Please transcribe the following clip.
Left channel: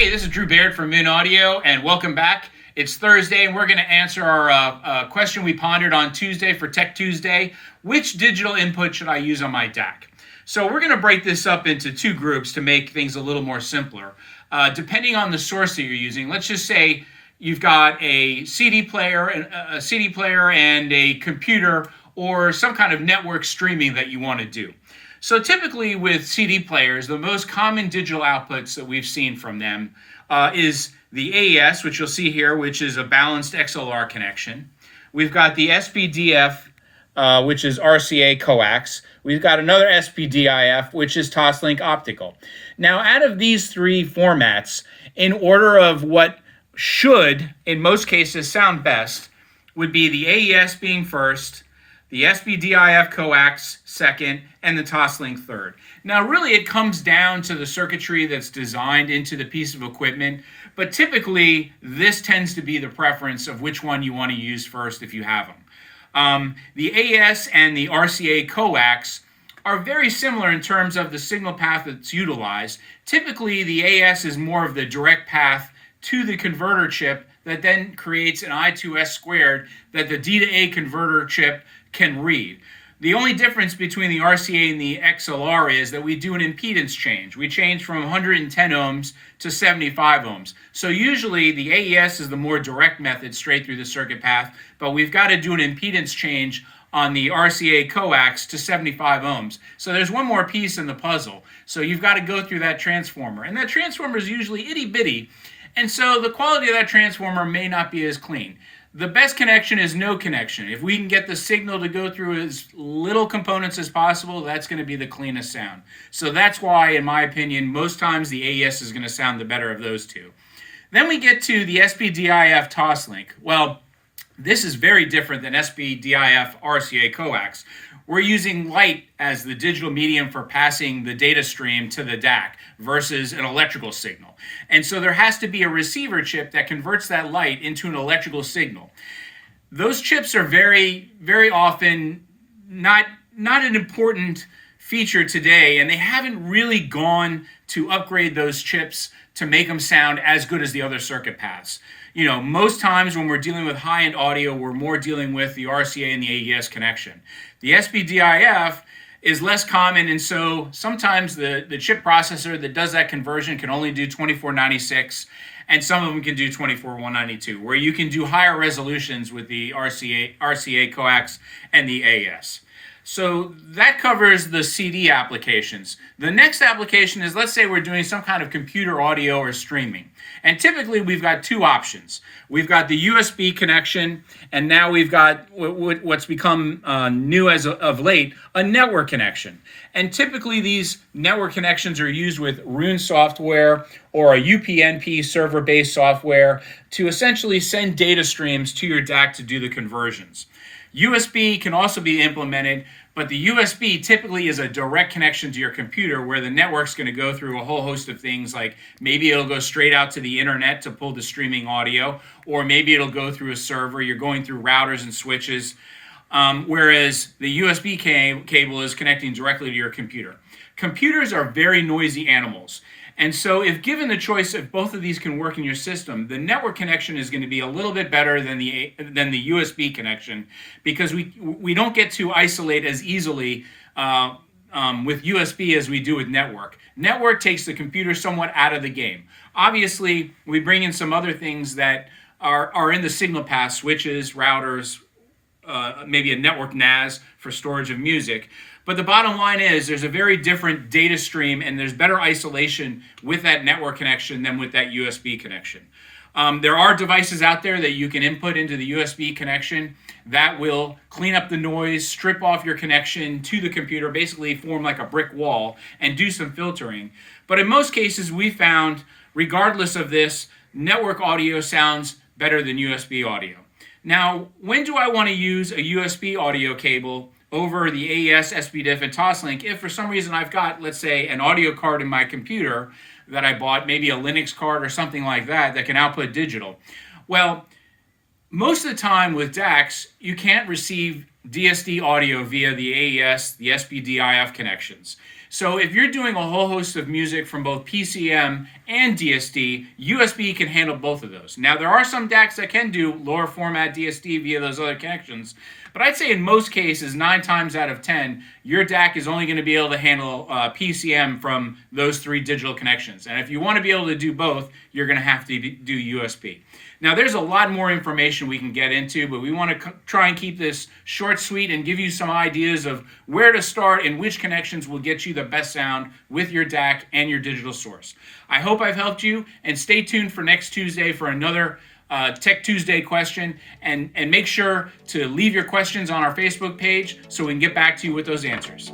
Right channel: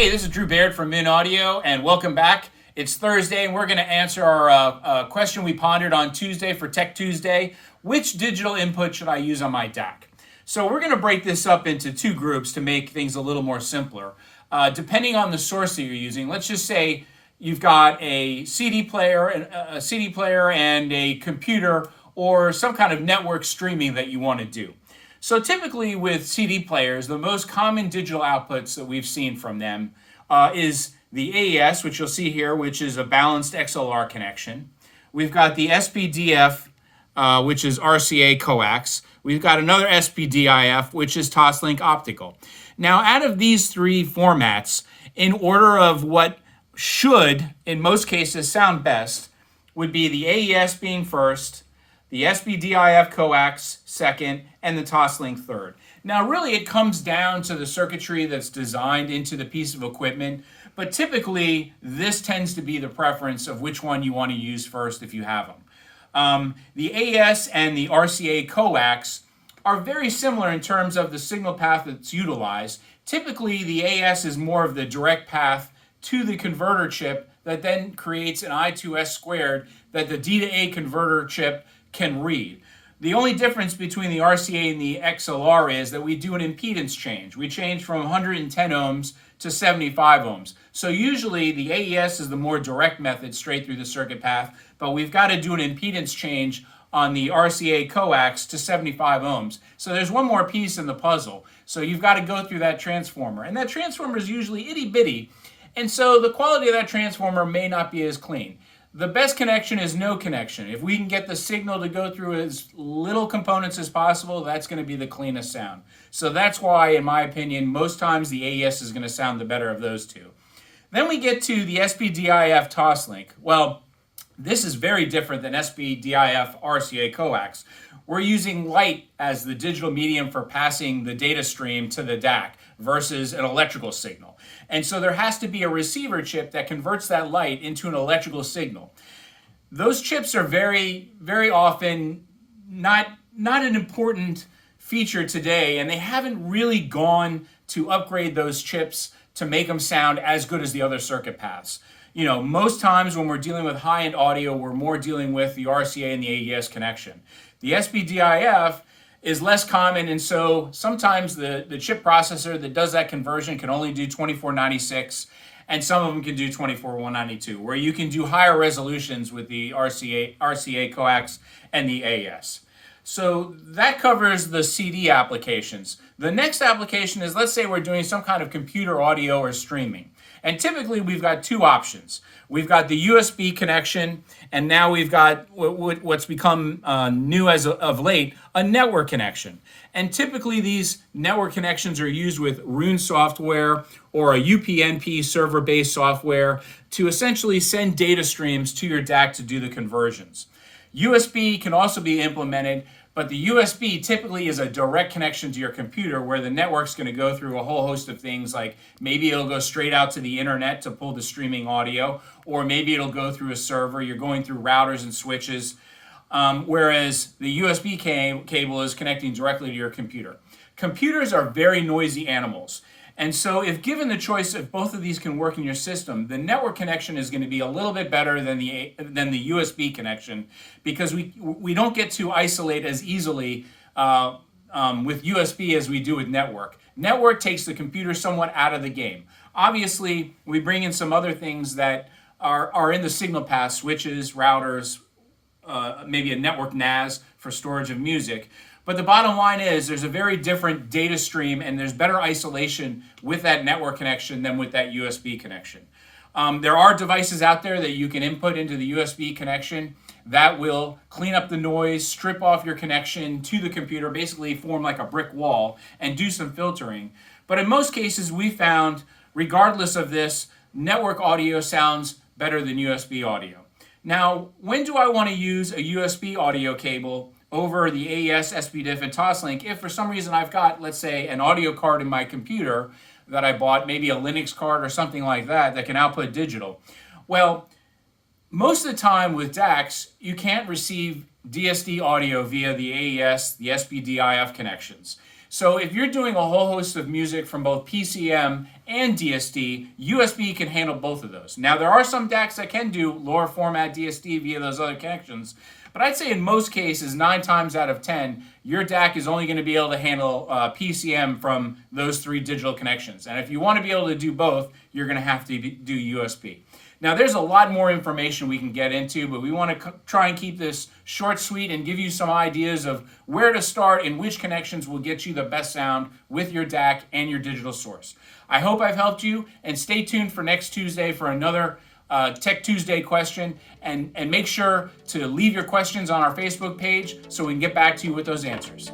Hey, this is Drew Baird from Min Audio, and welcome back. It's Thursday, and we're going to answer our question we pondered on Tuesday for Tech Tuesday. Which digital input should I use on my DAC? So we're going to break this up into two groups to make things a little more simpler. Depending on the source that you're using, let's just say you've got a CD player and a computer or some kind of network streaming that you want to do. So typically with CD players, the most common digital outputs that we've seen from them is the AES, which you'll see here, which is a balanced XLR connection. We've got the SPDF, which is RCA coax. We've got another SPDIF, which is Toslink optical. Now, out of these three formats, in order of what should, in most cases, sound best, would be the AES being first, the SPDIF coax second, and the Toslink third. Now, really, it comes down to the circuitry that's designed into the piece of equipment, but typically, this tends to be the preference of which one you want to use first if you have them. The AES and the RCA coax are very similar in terms of the signal path that's utilized. Typically, the AES is more of the direct path to the converter chip that then creates an I2S squared that the D to A converter chip can read. The only difference between the RCA and the XLR is that we do an impedance change. We change from 110 ohms to 75 ohms. So usually the AES is the more direct method straight through the circuit path, but we've got to do an impedance change on the RCA coax to 75 ohms. So there's one more piece in the puzzle. So you've got to go through that transformer. And that transformer is usually itty bitty. And so the quality of that transformer may not be as clean. The best connection is no connection. If we can get the signal to go through as little components as possible, that's going to be the cleanest sound. So that's why, in my opinion, most times the AES is going to sound the better of those two. Then we get to the SPDIF Toslink. Well, this is very different than SPDIF RCA coax. We're using light as the digital medium for passing the data stream to the DAC versus an electrical signal. And so there has to be a receiver chip that converts that light into an electrical signal. Those chips are very, very often not an important feature today, and they haven't really gone to upgrade those chips to make them sound as good as the other circuit paths. You know, most times when we're dealing with high-end audio, we're more dealing with the RCA and the AES connection. The SPDIF is less common, and so sometimes the chip processor that does that conversion can only do 2496, and some of them can do 24192, where you can do higher resolutions with the RCA coax and the AES. So that covers the CD applications. The next application is, let's say we're doing some kind of computer audio or streaming. And typically we've got two options. We've got the USB connection, and now we've got what's become new as of late, a network connection. And typically these network connections are used with Roon software or a UPnP server-based software to essentially send data streams to your DAC to do the conversions. USB can also be implemented, but the USB typically is a direct connection to your computer where the network's going to go through a whole host of things, like maybe it'll go straight out to the internet to pull the streaming audio, or maybe it'll go through a server. You're going through routers and switches, whereas the USB cable is connecting directly to your computer. Computers are very noisy animals. And so if given the choice, if both of these can work in your system, the network connection is going to be a little bit better than the USB connection, because we don't get to isolate as easily with USB as we do with network. Network takes the computer somewhat out of the game. Obviously, we bring in some other things that are in the signal path, switches, routers, maybe a network NAS for storage of music. But the bottom line is there's a very different data stream, and there's better isolation with that network connection than with that USB connection. There are devices out there that you can input into the USB connection that will clean up the noise, strip off your connection to the computer, basically form like a brick wall, and do some filtering. But in most cases, we found, regardless of this, network audio sounds better than USB audio. Now, when do I want to use a USB audio cable over the AES, SPDIF, and Toslink if for some reason I've got, let's say, an audio card in my computer that I bought, maybe a Linux card or something like that can output digital? Well, most of the time with DACs, you can't receive DSD audio via the AES, the SPDIF connections. So if you're doing a whole host of music from both PCM and DSD, USB can handle both of those. Now, there are some DACs that can do lower format DSD via those other connections, but I'd say in most cases, 9 times out of 10, your DAC is only going to be able to handle PCM from those 3 digital connections. And if you want to be able to do both, you're going to have to do USB. Now, there's a lot more information we can get into, but we want to try and keep this short, sweet, and give you some ideas of where to start and which connections will get you the best sound with your DAC and your digital source. I hope I've helped you, and stay tuned for next Tuesday for another Tech Tuesday question, and make sure to leave your questions on our Facebook page so we can get back to you with those answers.